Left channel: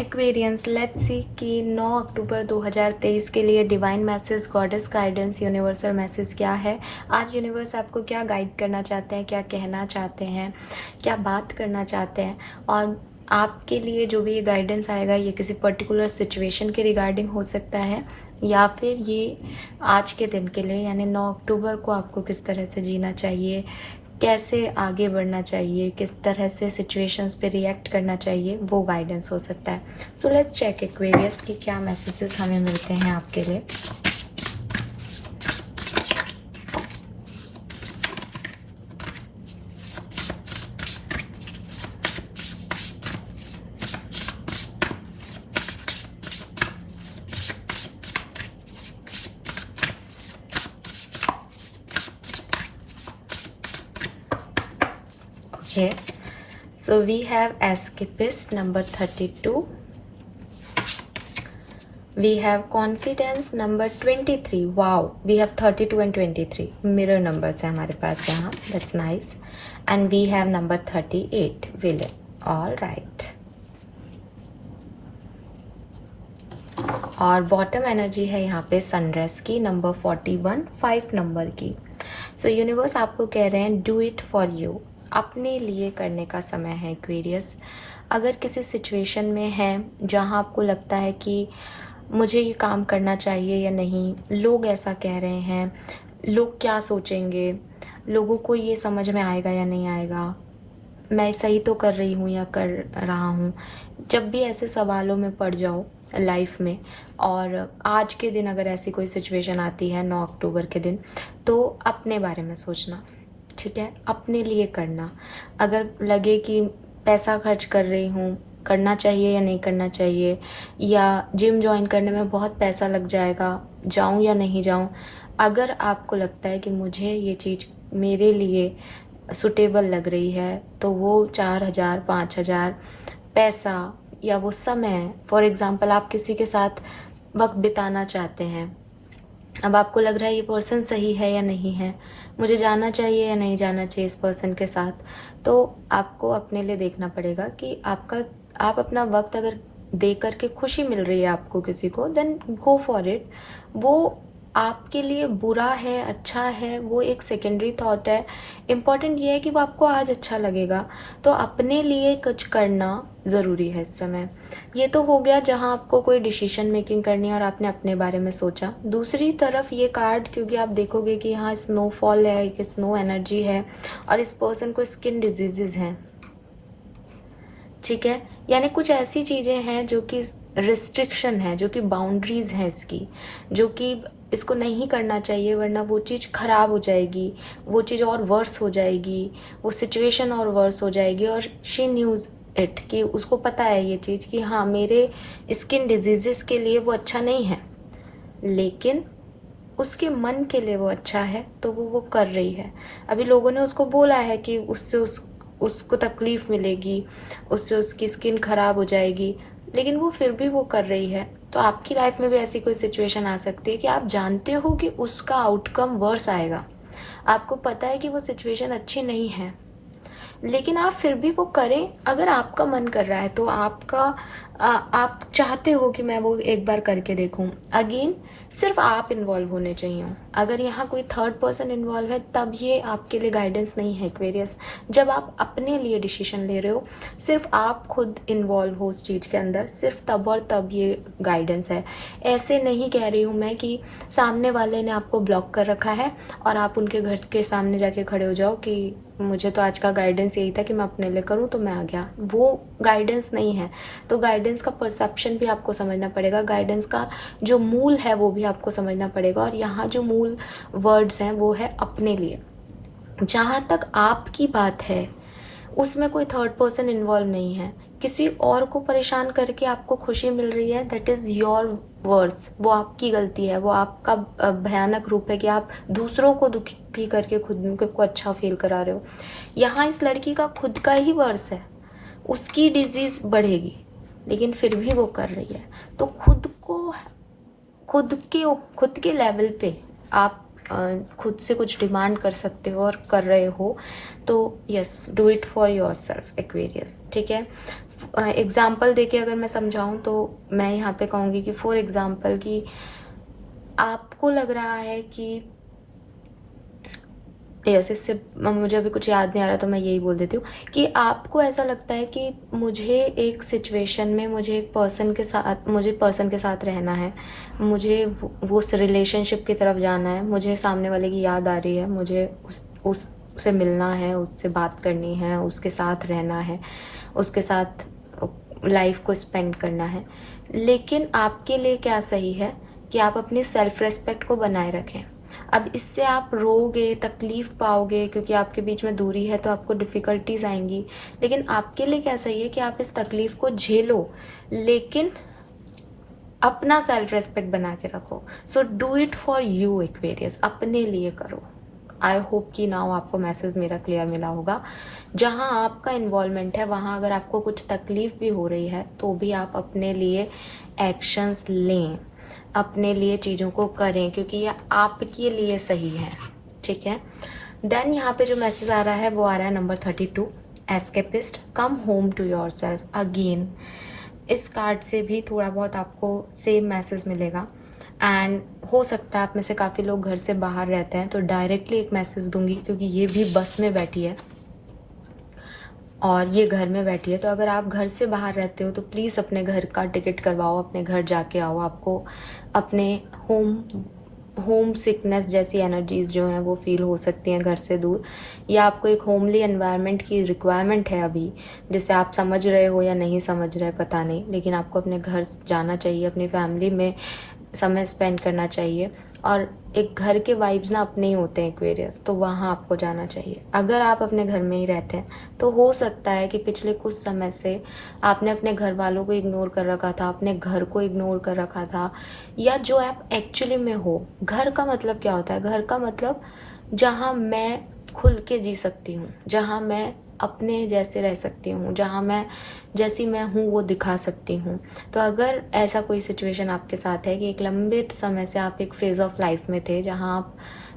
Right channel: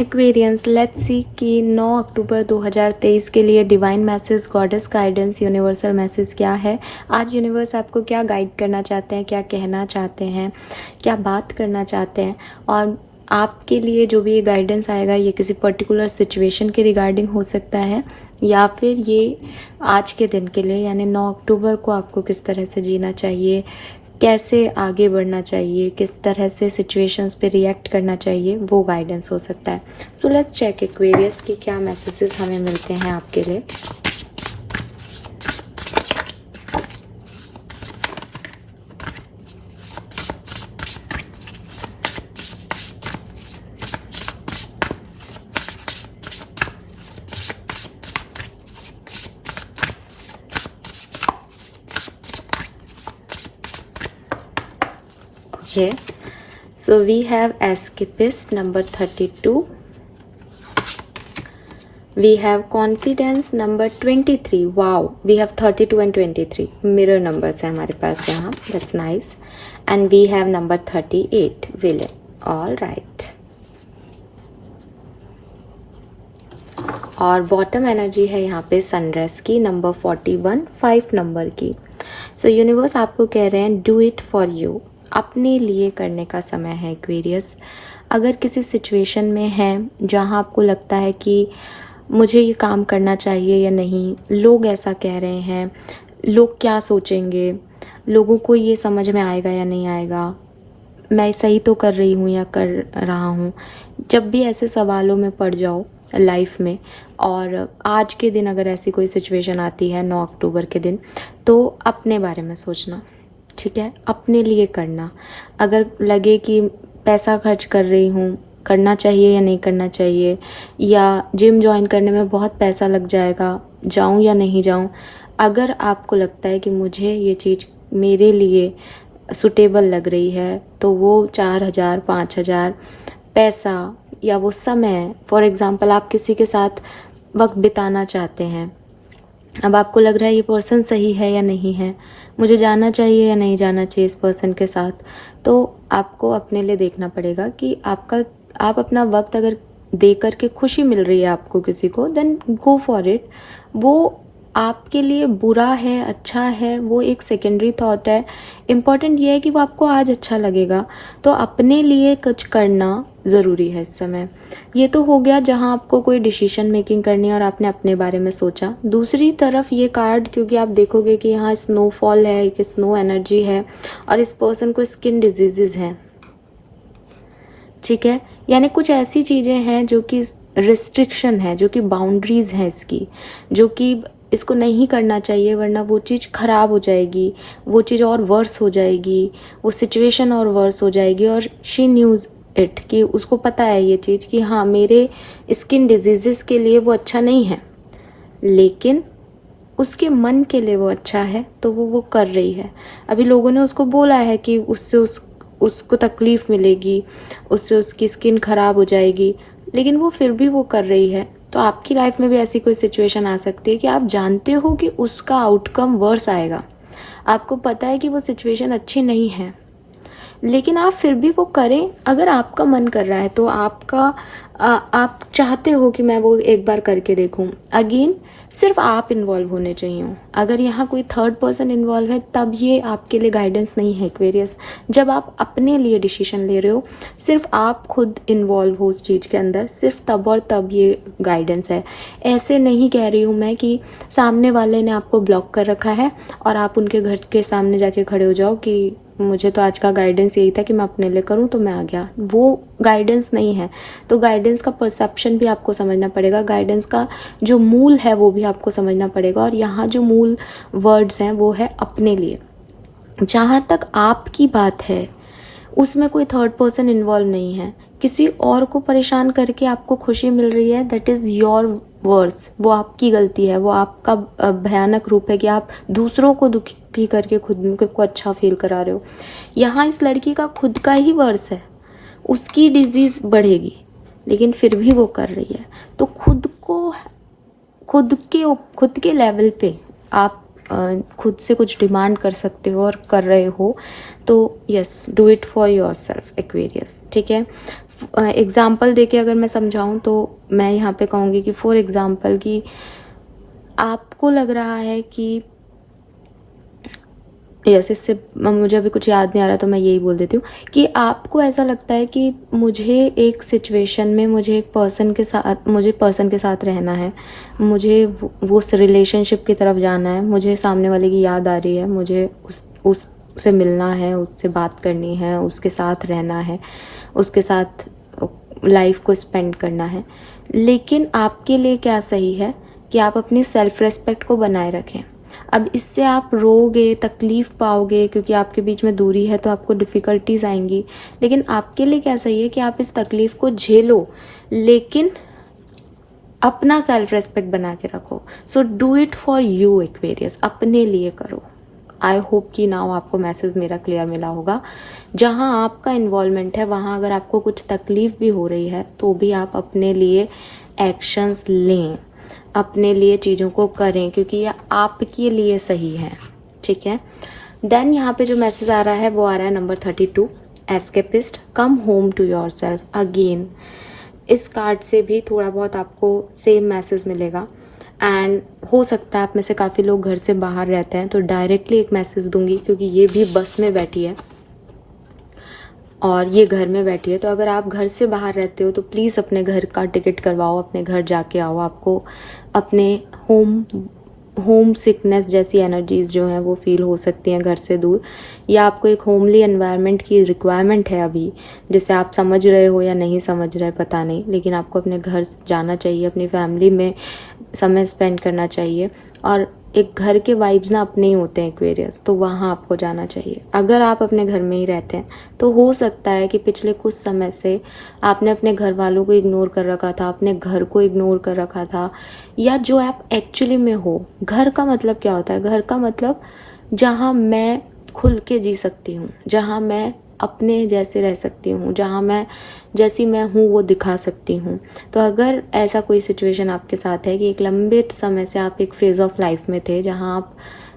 Aquarians, let's see कि 9 अक्टूबर 2023 के लिए divine message, goddess guidance, universal message क्या है। आज यूनिवर्स आपको क्या गाइड करना चाहते हैं, क्या कहना चाहते हैं, क्या बात करना चाहते हैं। और आपके लिए जो भी ये गाइडेंस आएगा ये किसी पर्टिकुलर सिचुएशन के रिगार्डिंग हो सकता है, या फिर ये आज के दिन के लिए यानी 9 अक्टूबर को आपको किस तरह से जीना चाहिए, कैसे आगे बढ़ना चाहिए, किस तरह से सिचुएशंस पे रिएक्ट करना चाहिए, वो गाइडेंस हो सकता है। सो लेट्स चेक एक्वेरियस की क्या मैसेजेस हमें मिलते हैं आपके लिए। Okay, so we have escapist number 32. We have confidence number 23. Wow, we have 32 and 23. Mirror numbers है हमारे पास यहाँ. That's nice. And we have number 38. Villain. All right. और बॉटम एनर्जी है यहाँ पे सनराइज की नंबर 41, 5 नंबर की. सो यूनिवर्स आपको कह रहे हैं डू इट फॉर यू. अपने लिए करने का समय है एक्वेरियस. अगर किसी सिचुएशन में है जहाँ आपको लगता है कि मुझे ये काम करना चाहिए या नहीं, लोग ऐसा कह रहे हैं, लोग क्या सोचेंगे, लोगों को ये समझ में आएगा या नहीं आएगा, मैं सही तो कर रही हूँ या कर रहा हूँ. जब भी ऐसे सवालों में पड़ जाओ लाइफ में, और आज के दिन अगर ऐसी कोई सिचुएशन आती है 9 अक्टूबर के दिन, तो अपने बारे में सोचना, ठीक है, अपने लिए करना. अगर लगे कि पैसा खर्च कर रही हूँ, करना चाहिए या नहीं करना चाहिए, या जिम ज्वाइन करने में बहुत पैसा लग जाएगा, जाऊँ या नहीं जाऊँ, अगर आपको लगता है कि मुझे ये चीज़ मेरे लिए सुटेबल लग रही है, तो वो 4,000 5,000 पैसा या वो समय, फॉर एग्जांपल आप किसी के साथ वक्त बिताना चाहते हैं, अब आपको लग रहा है ये पर्सन सही है या नहीं है, मुझे जाना चाहिए या नहीं जाना चाहिए इस पर्सन के साथ, तो आपको अपने लिए देखना पड़ेगा कि आप अपना वक्त अगर दे करके खुशी मिल रही है आपको किसी को, देन गो फॉर इट. वो आपके लिए बुरा है अच्छा है वो एक सेकेंडरी थॉट है. इम्पॉर्टेंट ये है कि वो आपको आज अच्छा लगेगा. तो अपने लिए कुछ करना ज़रूरी है इस समय. ये तो हो गया जहां आपको कोई डिसीजन मेकिंग करनी है और आपने अपने बारे में सोचा. दूसरी तरफ ये कार्ड, क्योंकि आप देखोगे कि यहाँ स्नोफॉल है, कि स्नो एनर्जी है, और इस पर्सन को स्किन डिजीजेज हैं, ठीक है, यानी कुछ ऐसी चीज़ें हैं जो कि रिस्ट्रिक्शन है, जो कि बाउंड्रीज हैं इसकी, जो कि इसको नहीं करना चाहिए, वरना वो चीज़ खराब हो जाएगी, वो चीज़ और वर्स हो जाएगी, वो सिचुएशन और वर्स हो जाएगी. और शी न्यूज इट, कि उसको पता है ये चीज़ कि हाँ मेरे स्किन डिजीजेस के लिए वो अच्छा नहीं है, लेकिन उसके मन के लिए वो अच्छा है, तो वो कर रही है. अभी लोगों ने उसको बोला है कि उससे उसको तकलीफ मिलेगी, उससे उसकी स्किन खराब हो जाएगी, लेकिन वो फिर भी वो कर रही है. तो आपकी लाइफ में भी ऐसी कोई सिचुएशन आ सकती है कि आप जानते हो कि उसका आउटकम वर्स आएगा, आपको पता है कि वो सिचुएशन अच्छी नहीं है, लेकिन आप फिर भी वो करें. अगर आपका मन कर रहा है तो आप चाहते हो कि मैं वो एक बार करके देखूं. अगेन सिर्फ आप इन्वॉल्व होने चाहिए. अगर यहाँ कोई थर्ड पर्सन इन्वॉल्व है तब ये आपके लिए गाइडेंस नहीं है एक्वेरियस. जब आप अपने लिए डिसीजन ले रहे हो, सिर्फ आप खुद इन्वॉल्व हो उस चीज़ के अंदर, सिर्फ तब और तब ये गाइडेंस है. ऐसे नहीं कह रही हूँ मैं कि सामने वाले ने आपको ब्लॉक कर रखा है और आप उनके घर के सामने जाके खड़े हो जाओ कि मुझे तो आज का गाइडेंस यही था कि मैं अपने लिए करूं तो मैं आ गया. वो गाइडेंस नहीं है. तो गाइडेंस का परसेप्शन भी आपको समझना पड़ेगा, गाइडेंस का जो मूल है वो भी आपको समझना पड़ेगा. और यहाँ जो मूल वर्ड्स हैं वो है अपने लिए. जहाँ तक आपकी बात है उसमें कोई थर्ड पर्सन इन्वॉल्व नहीं है. किसी और को परेशान करके आपको खुशी मिल रही है, दैट इज़ योर वर्ड्स, वो आपकी गलती है, वो आपका भयानक रूप है कि आप दूसरों को दुखी करके खुद को अच्छा फील करा रहे हो. यहाँ इस लड़की का खुद का ही वर्स है, उसकी डिजीज बढ़ेगी, लेकिन फिर भी वो कर रही है. तो खुद के लेवल पे आप खुद से कुछ डिमांड कर सकते हो और कर रहे हो, तो yes, do it for your self Aquarius, ठीक है. एग्जाम्पल देके अगर मैं समझाऊं तो मैं यहाँ पे कहूँगी कि फॉर एग्जाम्पल कि आपको लग रहा है कि यस, इससे मुझे अभी कुछ याद नहीं आ रहा तो मैं यही बोल देती हूँ कि आपको ऐसा लगता है कि मुझे एक सिचुएशन में मुझे एक पर्सन के साथ रहना है, मुझे वो उस रिलेशनशिप की तरफ जाना है, मुझे सामने वाले की याद आ रही है, मुझे उससे मिलना है, उससे बात करनी है, उसके साथ रहना है, उसके साथ लाइफ को स्पेंड करना है। लेकिन आपके लिए क्या सही है कि आप अपनी सेल्फ रेस्पेक्ट को बनाए रखें। अब इससे आप रोगे, तकलीफ पाओगे, क्योंकि आपके बीच में दूरी है तो आपको डिफ़िकल्टीज आएंगी। लेकिन आपके लिए क्या सही है कि आप इस तकलीफ को झेलो, लेकिन अपना सेल्फ रेस्पेक्ट बना के रखो। So do it for you Aquarius, अपने लिए करो। आई होप कि नाउ आपको मैसेज मेरा क्लियर मिला होगा। जहाँ आपका इन्वॉल्वमेंट है वहाँ अगर आपको कुछ तकलीफ भी हो रही है तो भी आप अपने लिए एक्शंस लें, अपने लिए चीज़ों को करें, क्योंकि ये आपके लिए सही है। ठीक है। देन यहाँ पे जो मैसेज आ रहा है वो आ रहा है number 32, escapist, come home to yourself again. इस कार्ड से भी थोड़ा बहुत आपको सेम मैसेज मिलेगा। एंड हो सकता है आप में से काफ़ी लोग घर से बाहर रहते हैं, तो डायरेक्टली एक मैसेज दूंगी क्योंकि ये भी बस में बैठी है और ये घर में बैठी है। तो अगर आप घर से बाहर रहते हो तो प्लीज़ अपने घर का टिकट करवाओ, अपने घर जाके आओ। आपको अपने होम सिकनेस जैसी एनर्जीज जो हैं वो फील हो सकती हैं घर से दूर, या आपको एक होमली एनवायरनमेंट की रिक्वायरमेंट है अभी, जिसे आप समझ रहे हो या नहीं समझ रहे पता नहीं, लेकिन आपको अपने घर जाना चाहिए, अपनी फैमिली में समय स्पेंड करना चाहिए। और एक घर के वाइब्स ना अपने ही होते हैं एक्वेरियस, तो वहाँ आपको जाना चाहिए। अगर आप अपने घर में ही रहते हैं तो हो सकता है कि पिछले कुछ समय से आपने अपने घर वालों को इग्नोर कर रखा था, अपने घर को इग्नोर कर रखा था, या जो आप एक्चुअली में हो। घर का मतलब क्या होता है? घर का मतलब जहाँ मैं खुल के जी सकती हूँ, जहाँ मैं अपने जैसे रह सकती हूँ, जहाँ मैं जैसी मैं हूँ वो दिखा सकती हूँ। तो अगर ऐसा कोई सिचुएशन आपके साथ है कि एक लंबे समय से आप एक फेज़ ऑफ लाइफ में थे जहाँ आप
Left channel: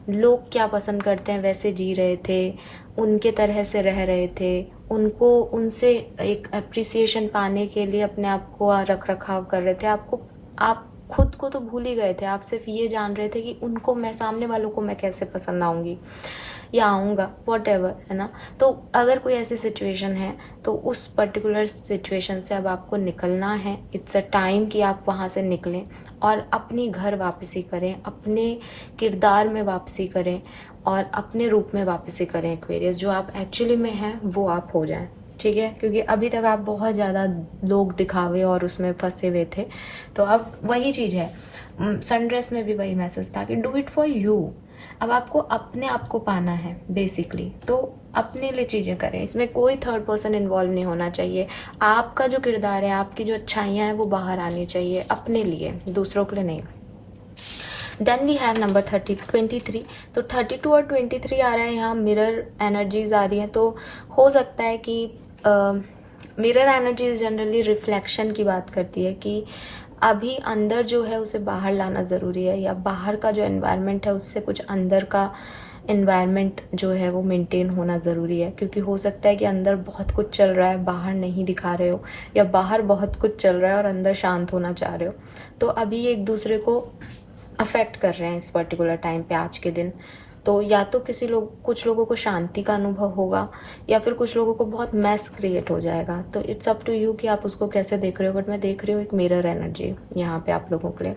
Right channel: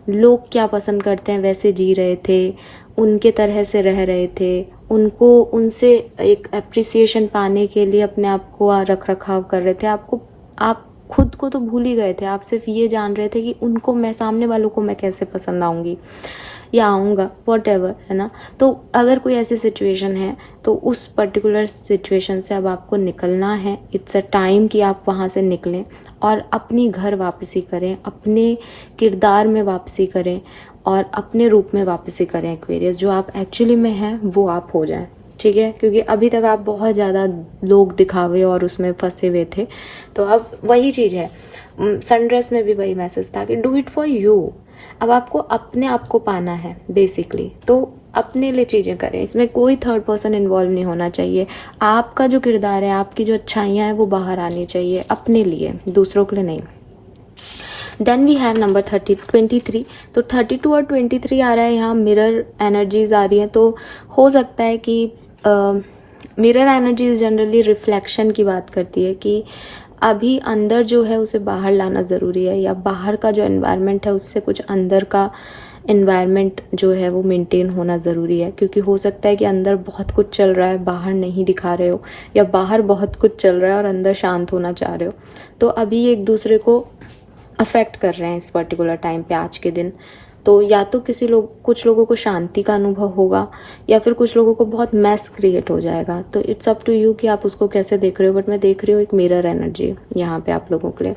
लोग क्या पसंद करते हैं वैसे जी रहे थे, उनके तरह से रह रहे थे, उनसे एक अप्रिसिएशन पाने के लिए अपने आप को रख रखाव कर रहे थे, आप खुद को तो भूल ही गए थे। आप सिर्फ ये जान रहे थे कि उनको मैं, सामने वालों को मैं कैसे पसंद आऊँगी या आऊँगा, वॉट एवर, है ना। तो अगर कोई ऐसी सिचुएशन है तो उस पर्टिकुलर सिचुएशन से अब आपको निकलना है। इट्स अ टाइम कि आप वहाँ से निकलें और अपनी घर वापसी करें, अपने किरदार में वापसी करें और अपने रूप में वापसी करें एक्वेरियस। जो आप एक्चुअली में हैं वो आप हो जाएं। ठीक है, क्योंकि अभी तक आप बहुत ज़्यादा लोग दिखावे और उसमें फंसे हुए थे। तो अब वही चीज़ है, सनड्रेस में भी वही मैसेज था कि डू इट फॉर यू। अब आपको अपने आप को पाना है बेसिकली, तो अपने लिए चीज़ें करें। इसमें कोई थर्ड पर्सन इन्वॉल्व नहीं होना चाहिए। आपका जो किरदार है, आपकी जो अच्छाइयाँ हैं वो बाहर आनी चाहिए अपने लिए, दूसरों के लिए नहीं। Then we have number 23। तो 32 और 23 आ रहा है यहाँ, मिरर एनर्जीज आ रही है। तो हो सकता है कि मिरर एनर्जीज जनरली रिफ्लेक्शन की बात करती है कि अभी अंदर जो है उसे बाहर लाना ज़रूरी है, या बाहर का जो एनवायरनमेंट है उससे कुछ अंदर का एनवायरनमेंट जो है वो मेंटेन होना ज़रूरी है। क्योंकि हो सकता है कि अंदर बहुत कुछ चल रहा है, बाहर नहीं दिखा रहे हो, या बाहर बहुत कुछ चल रहा है और अंदर शांत होना चाह रहे हो। तो अभी एक दूसरे को अफेक्ट कर रहे हैं इस पर्टिकुलर टाइम पे, आज के दिन। तो या तो कुछ लोगों को शांति का अनुभव होगा, या फिर कुछ लोगों को बहुत मैस क्रिएट हो जाएगा। तो इट्स अप टू यू कि आप उसको कैसे देख रहे हो। बट मैं देख रही हूँ एक मिरर एनर्जी यहाँ पे आप लोगों के लिए।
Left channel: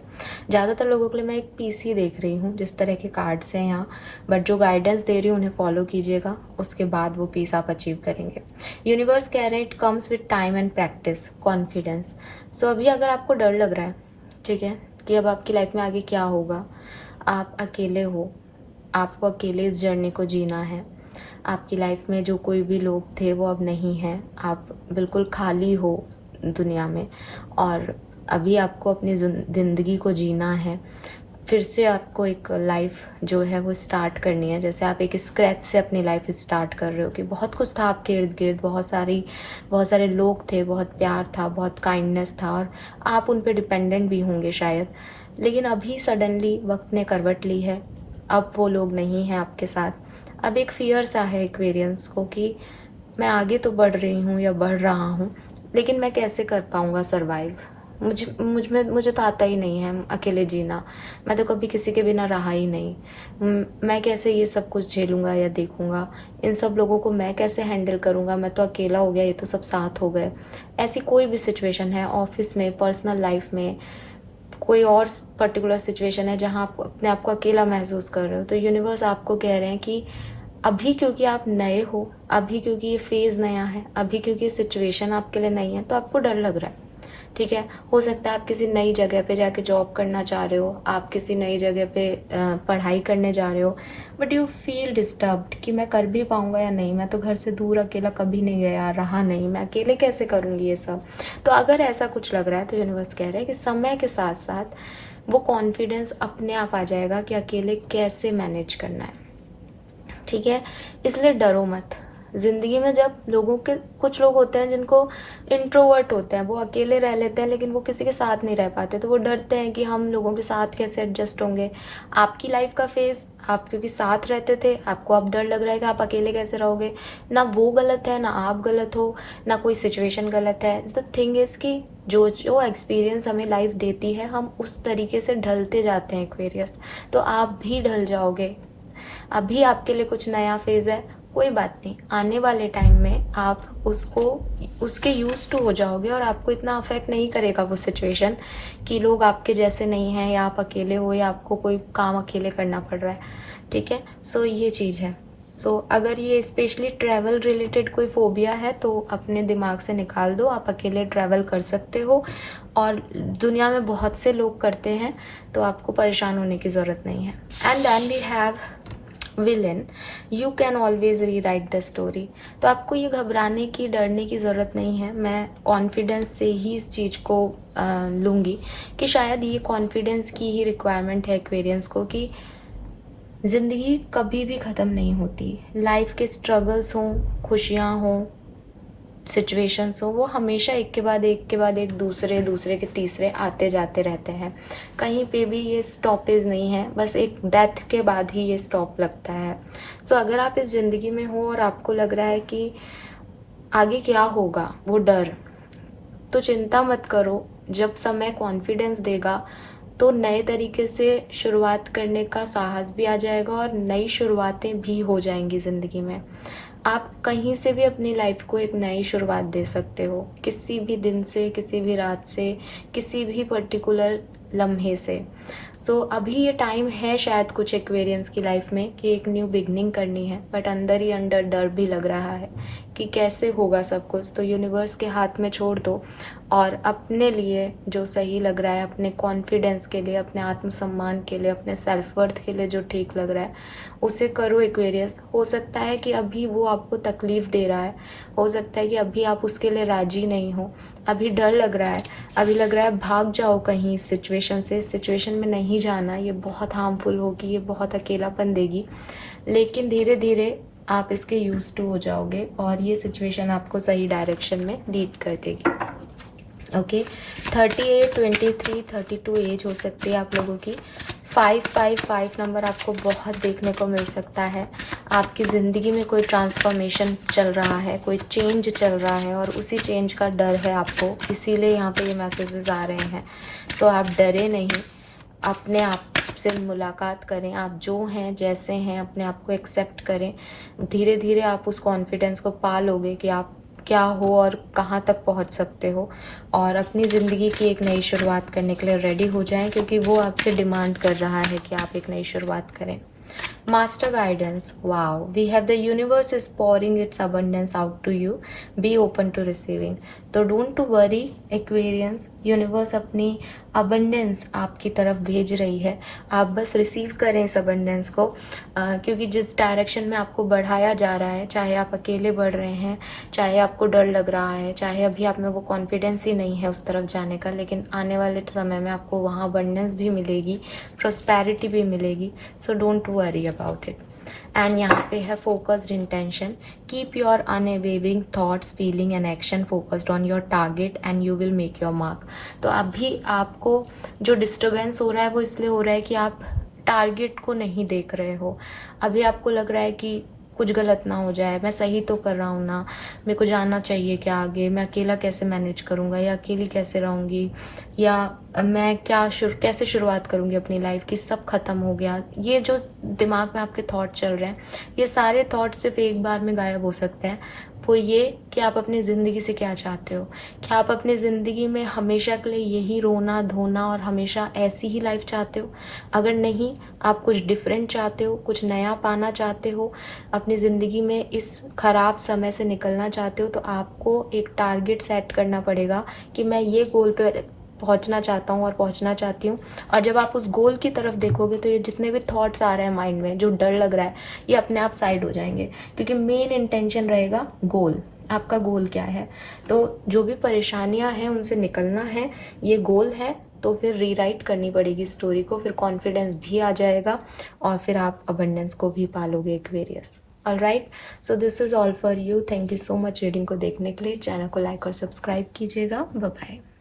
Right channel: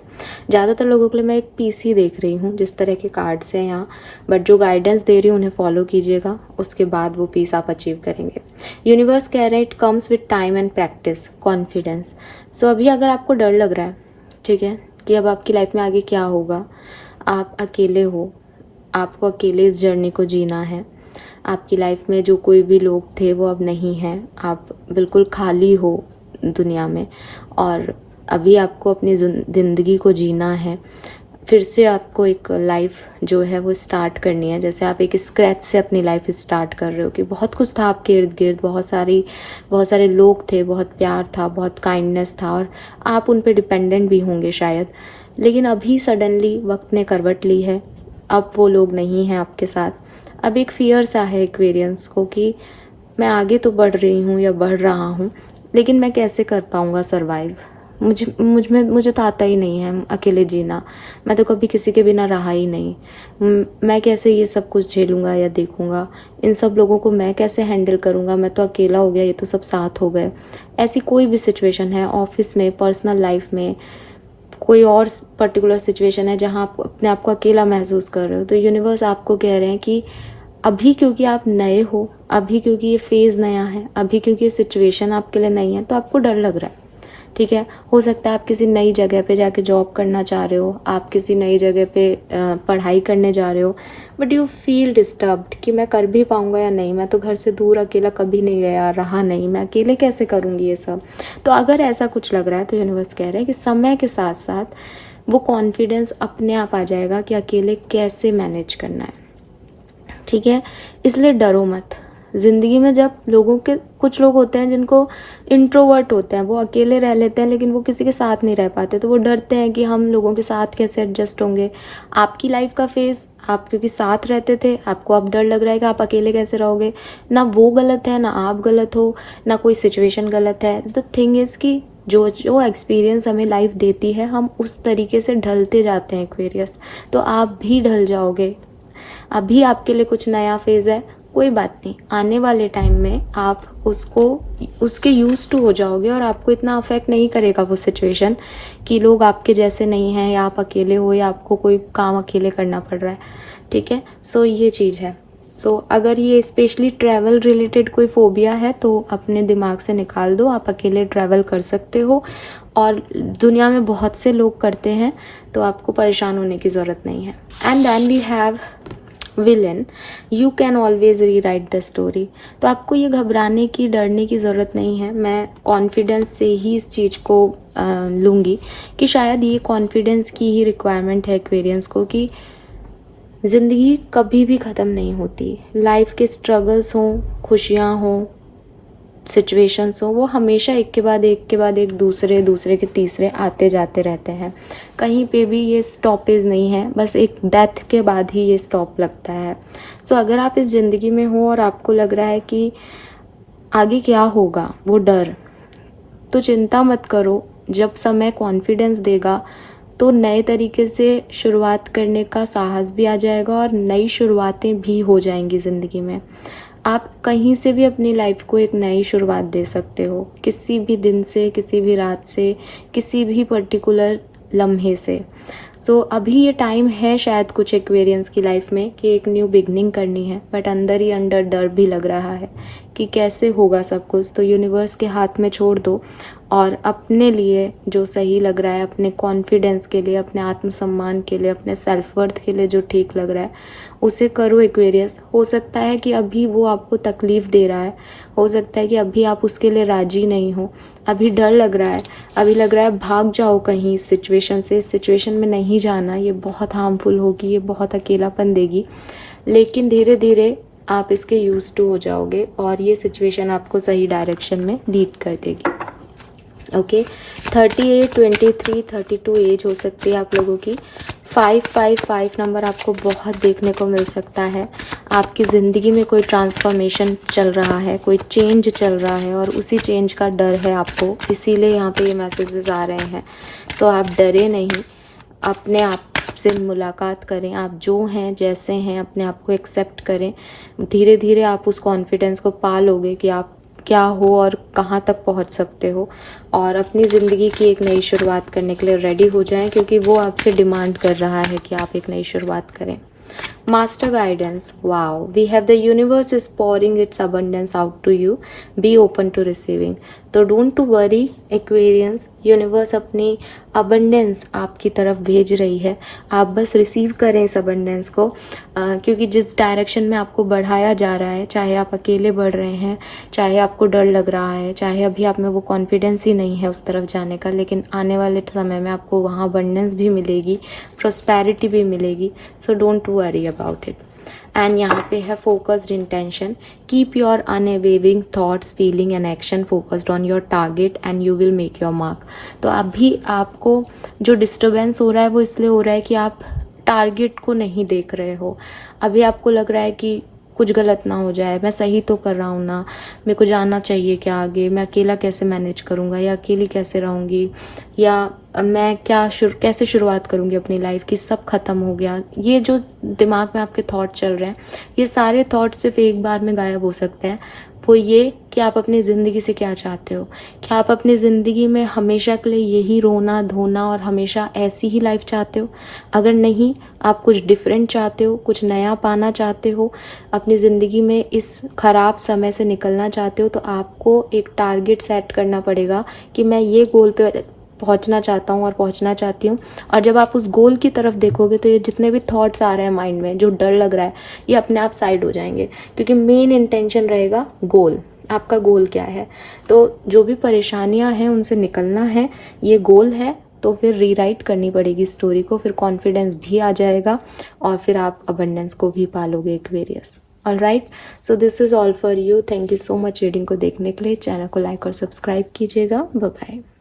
ज़्यादातर लोगों के लिए मैं एक पीस ही देख रही हूँ, जिस तरह के कार्ड्स हैं यहाँ। बट जो गाइडेंस दे रही हूँ उन्हें फॉलो कीजिएगा, उसके बाद वो पीस आप अचीव करेंगे। यूनिवर्स कह रहे हैं it comes with time and practice, confidence. So अभी अगर आपको डर लग रहा है, ठीक है, कि अब आपकी लाइफ में आगे क्या होगा, आप अकेले हो, आपको अकेले इस जर्नी को जीना है, आपकी लाइफ में जो कोई भी लोग थे वो अब नहीं हैं, आप बिल्कुल खाली हो दुनिया में, और अभी आपको अपनी ज़िंदगी को जीना है। फिर से आपको एक लाइफ जो है वो स्टार्ट करनी है, जैसे आप एक स्क्रैच से अपनी लाइफ स्टार्ट कर रहे हो कि बहुत कुछ था आपके इर्द गिर्द, बहुत सारे लोग थे, बहुत प्यार था, बहुत काइंडनेस था, और आप उन पे डिपेंडेंट भी होंगे शायद। लेकिन अभी सडनली वक्त ने करवट ली है, अब वो लोग नहीं हैं आपके साथ। अब एक फियर सा है एक्वेरियंस को कि मैं आगे तो बढ़ रही हूँ या बढ़ रहा हूँ, लेकिन मैं कैसे कर पाऊँगा सर्वाइव? मुझे तो आता ही नहीं है अकेले जीना। मैं तो कभी किसी के बिना रहा ही नहीं। मैं कैसे ये सब कुछ झेलूँगा या देखूँगा? इन सब लोगों को मैं कैसे हैंडल करूँगा? मैं तो अकेला हो गया, ये तो सब साथ हो गए। ऐसी कोई भी सिचुएशन है, ऑफ़िस में, पर्सनल लाइफ़ में, कोई और पर्टिकुलर सिचुएशन है जहाँ आप अपने आप को अकेला महसूस कर रहे हो, तो यूनिवर्स आपको कह रहे हैं कि अभी क्योंकि आप नए हो, अभी क्योंकि ये फेज़ नया है, अभी क्योंकि ये सिचुएशन आपके लिए नई है, तो आपको डर लग रहा है। ठीक है, हो सकता है आप किसी नई जगह पे जाके जॉब करना चाह रहे हो, आप किसी नई जगह पे पढ़ाई करने जा रहे हो, बट यू फील डिस्टर्ब्ड कि मैं कर भी पाऊँगा या नहीं, मैं तो घर से दूर अकेला कभी नहीं गया, रहा नहीं, मैं अकेले कैसे करूँगी ये सब। तो अगर ऐसा कुछ लग रहा है तो यूनिवर्स कह रहा है कि समय के साथ साथ वो कॉन्फिडेंस अपने आप आ जाएगा कि अकेले कैसे मैनेज करना है। ठीक है, इसलिए डरो मत। ज़िंदगी में जब कुछ लोग होते हैं जिनको इंट्रोवर्ट होते हैं, वो अकेले रह लेते हैं लेकिन वो किसी के साथ नहीं रह पाते, तो वो डरते हैं कि हम लोगों के साथ कैसे एडजस्ट होंगे। आपकी लाइफ का फेज़, आप क्योंकि साथ रहते थे, आपको अब डर लग रहा है कि आप अकेले कैसे रहोगे। ना वो गलत है, ना आप गलत हो, ना कोई सिचुएशन गलत है। द थिंग इज़ कि जो जो एक्सपीरियंस हमें लाइफ देती है, हम उस तरीके से ढलते जाते हैं एक्वेरियस। तो आप भी ढल जाओगे। अभी आपके लिए कुछ नया फेज़ है, कोई बात नहीं, आने वाले टाइम में आप उसके यूज टू हो जाओगे और आपको इतना अफेक्ट नहीं करेगा वो सिचुएशन कि लोग आपके जैसे नहीं हैं या आप अकेले हो या आपको कोई काम अकेले करना पड़ रहा है। ठीक है, सो ये चीज़ है। सो अगर ये स्पेशली ट्रैवल रिलेटेड कोई फोबिया है तो अपने दिमाग से निकाल दो। आप अकेले ट्रैवल कर सकते हो और दुनिया में बहुत से लोग करते हैं, तो आपको परेशान होने की ज़रूरत नहीं है। And then we have villain, you can always rewrite the story. तो आपको ये घबराने की, डरने की ज़रूरत नहीं है। मैं कॉन्फिडेंस से ही इस चीज़ को लूँगी कि शायद ये कॉन्फिडेंस की ही रिक्वायरमेंट है एक्वेरियंस को कि ज़िंदगी कभी भी ख़त्म नहीं होती। लाइफ के स्ट्रगल्स हों, खुशियाँ हों, सिचुएशंस हो, वो हमेशा एक के बाद एक दूसरे के तीसरे आते जाते रहते हैं। कहीं पे भी ये स्टॉपेज नहीं है, बस एक डेथ के बाद ही ये स्टॉप लगता है। सो अगर आप इस ज़िंदगी में हो और आपको लग रहा है कि आगे क्या होगा, वो डर, तो चिंता मत करो। जब समय कॉन्फिडेंस देगा तो नए तरीके से शुरुआत करने का साहस भी आ जाएगा और नई शुरुआतें भी हो जाएंगी ज़िंदगी में। आप कहीं से भी अपनी लाइफ को एक नई शुरुआत दे सकते हो, किसी भी दिन से, किसी भी रात से, किसी भी पर्टिकुलर लम्हे से। सो अभी ये टाइम है शायद कुछ एक्वेरियंस की लाइफ में कि एक न्यू बिगनिंग करनी है, बट अंदर ही अंदर डर भी लग रहा है कि कैसे होगा सब कुछ। तो यूनिवर्स के हाथ में छोड़ दो और अपने लिए जो सही लग रहा है, अपने कॉन्फिडेंस के लिए, अपने आत्मसम्मान के लिए, अपने सेल्फ वर्थ के लिए जो ठीक लग रहा है उसे करो एक्वेरियस। हो सकता है कि अभी वो आपको तकलीफ दे रहा है, हो सकता है कि अभी आप उसके लिए राजी नहीं हो, अभी डर लग रहा है, अभी लग रहा है भाग जाओ कहीं इस सिचुएशन से, इस सिचुएशन में नहीं जाना, ये बहुत हार्मफुल होगी, ये बहुत अकेलापन देगी। लेकिन धीरे धीरे आप इसके यूज टू हो जाओगे और ये सिचुएशन आपको सही डायरेक्शन में लीड कर देगी। ओके, 38, 23, 32 एज हो सकती है आप लोगों की। 555 नंबर आपको बहुत देखने को मिल सकता है। आपकी ज़िंदगी में कोई ट्रांसफॉर्मेशन चल रहा है, कोई चेंज चल रहा है और उसी चेंज का डर है आपको, इसीलिए यहाँ पे ये मैसेजेस आ रहे हैं। सो आप डरे नहीं, अपने आप से मुलाकात करें, आप जो हैं जैसे हैं अपने आप को एक्सेप्ट करें। धीरे धीरे आप उस कॉन्फिडेंस को पा लोगे कि आप क्या हो और कहाँ तक पहुँच सकते हो, और अपनी ज़िंदगी की एक नई शुरुआत करने के लिए रेडी हो जाएं, क्योंकि वो आपसे डिमांड कर रहा है कि आप एक नई शुरुआत करें। Master guidance, wow, we have the universe is pouring its abundance out to you, be open to receiving। तो don't to worry Aquarians, universe अपनी abundance आपकी तरफ भेज रही है, आप बस रिसीव करें इस abundance को, क्योंकि जिस डायरेक्शन में आपको बढ़ाया जा रहा है, चाहे आप अकेले बढ़ रहे हैं, चाहे आपको डर लग रहा है, चाहे अभी आप में वो कॉन्फिडेंस ही नहीं है उस तरफ जाने का, लेकिन आने वाले समय में आपको वहाँ abundance भी मिलेगी, prosperity भी मिलेगी। So don't worry about it। And यहाँ पे है focused intention, keep your unwavering thoughts, feeling and action focused on your target and you will make your mark. तो अभी आपको जो डिस्टर्बेंस हो रहा है वो इसलिए हो रहा है कि आप टारगेट को नहीं देख रहे हो। अभी आपको लग रहा है कि कुछ गलत ना हो जाए, मैं सही तो कर रहा हूँ ना, मेरे को जानना चाहिए क्या आगे, मैं अकेला कैसे मैनेज करूँगा या अकेली कैसे रहूँगी, या मैं कैसे शुरुआत करूँगी अपनी लाइफ की, सब खत्म हो गया। ये जो दिमाग में आपके थॉट चल रहे हैं, ये सारे थॉट सिर्फ एक बार में गायब हो सकते हैं। वो ये कि आप अपनी ज़िंदगी से क्या चाहते हो। क्या आप अपनी ज़िंदगी में हमेशा के लिए यही रोना धोना और हमेशा ऐसी ही लाइफ चाहते हो? अगर नहीं, आप कुछ डिफरेंट चाहते हो, कुछ नया पाना चाहते हो, अपनी ज़िंदगी में इस खराब समय से निकलना चाहते हो, तो आपको एक टारगेट सेट करना पड़ेगा कि मैं ये गोल पे पहुंचना चाहता हूँ और पहुंचना चाहती हूँ। और जब आप उस गोल की तरफ देखोगे तो ये जितने भी थॉट्स आ रहे हैं माइंड में, जो डर लग रहा है, ये अपने आप साइड हो जाएंगे, क्योंकि मेन इंटेंशन रहेगा गोल। आपका गोल क्या है? तो जो भी परेशानियां हैं उनसे निकलना है, ये गोल है। तो फिर रीराइट करनी पड़ेगी स्टोरी को, फिर कॉन्फिडेंस भी आ जाएगा और फिर आप अबंडेंस को भी पालोगे Aquarius. Alright, so this is all for you. Thank you so much reading को देखने के लिए। चैनल को लाइक और सब्सक्राइब कीजिएगा। Bye bye.